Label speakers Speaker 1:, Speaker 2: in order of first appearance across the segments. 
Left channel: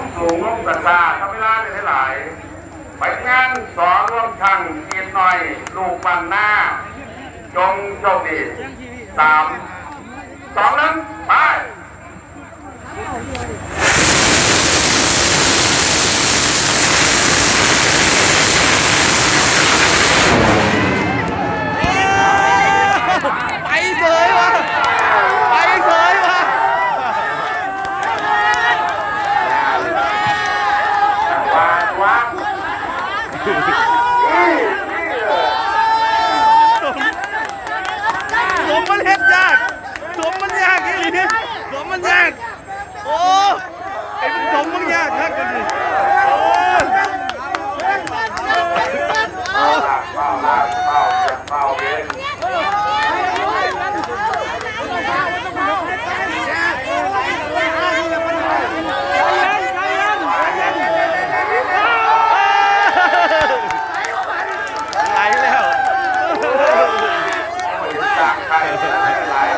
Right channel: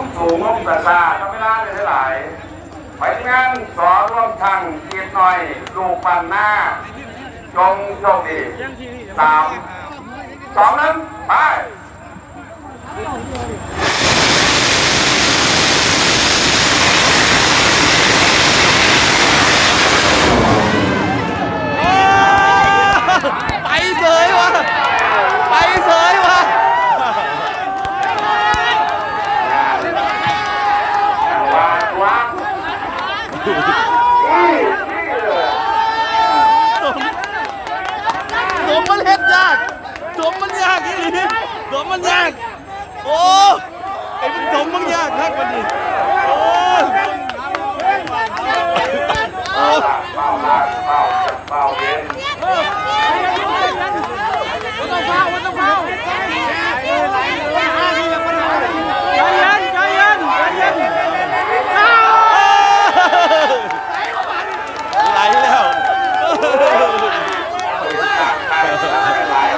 Speaker 1: ต้องสูงร่มตะลาทำเวลาได้หลายไปงานสอร่วมทางเกียรหน่อยลูกปันหน้า จงโชคดีสามสองนั้นไป
Speaker 2: เสยวะไปเสยวะ
Speaker 1: วางวางนี่นี่เลย
Speaker 2: สมมันเฮ็ดยากสมมันยากอีหลีสมมันยาก โอ้ ไอ้พวกสมมันยากครับมันดิโอ้
Speaker 1: เป้าลากเป้าลากเป้าจับเป้าเอง
Speaker 2: ไหลแล้ว
Speaker 1: จากไปหลาย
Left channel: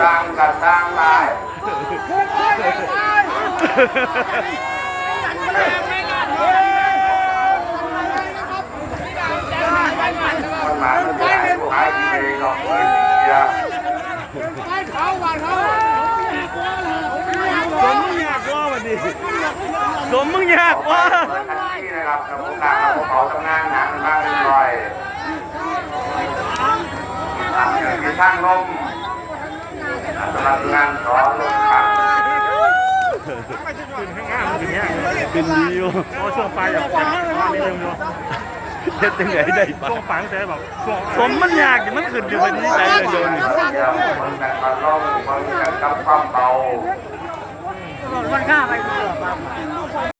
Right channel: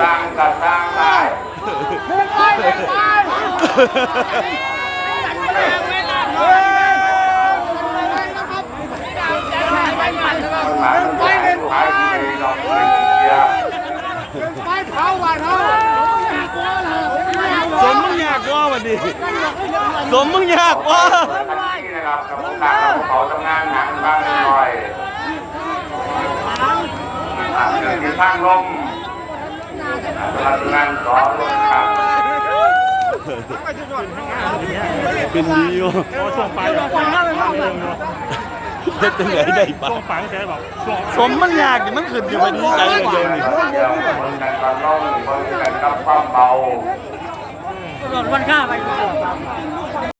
Speaker 1: สร้างกับสร้างหลายคนหลายมันหลายหลายเลยหรอกเดียว
Speaker 2: สมมึงยากว่าวันดิสมมึงยากว่า
Speaker 1: นี่นะครับกับผู้การเราเขาทำงานหนักบ้างหน่อย มีทางลมสำหรับงานสองลมครับ
Speaker 2: เป็นดีวะ
Speaker 3: ช่วงปลาเร็นาะ
Speaker 2: เฮ็ดยังไงได้ปะ
Speaker 3: ช่วงปลายตั้งแต่แบบ
Speaker 2: สมมันยากดิมันขึ้นอยู่วันนี้ใจเลยเดียวนี่
Speaker 1: วันตอนล่องคนกันกับความเบา
Speaker 4: วันข้าไปลดบ้าง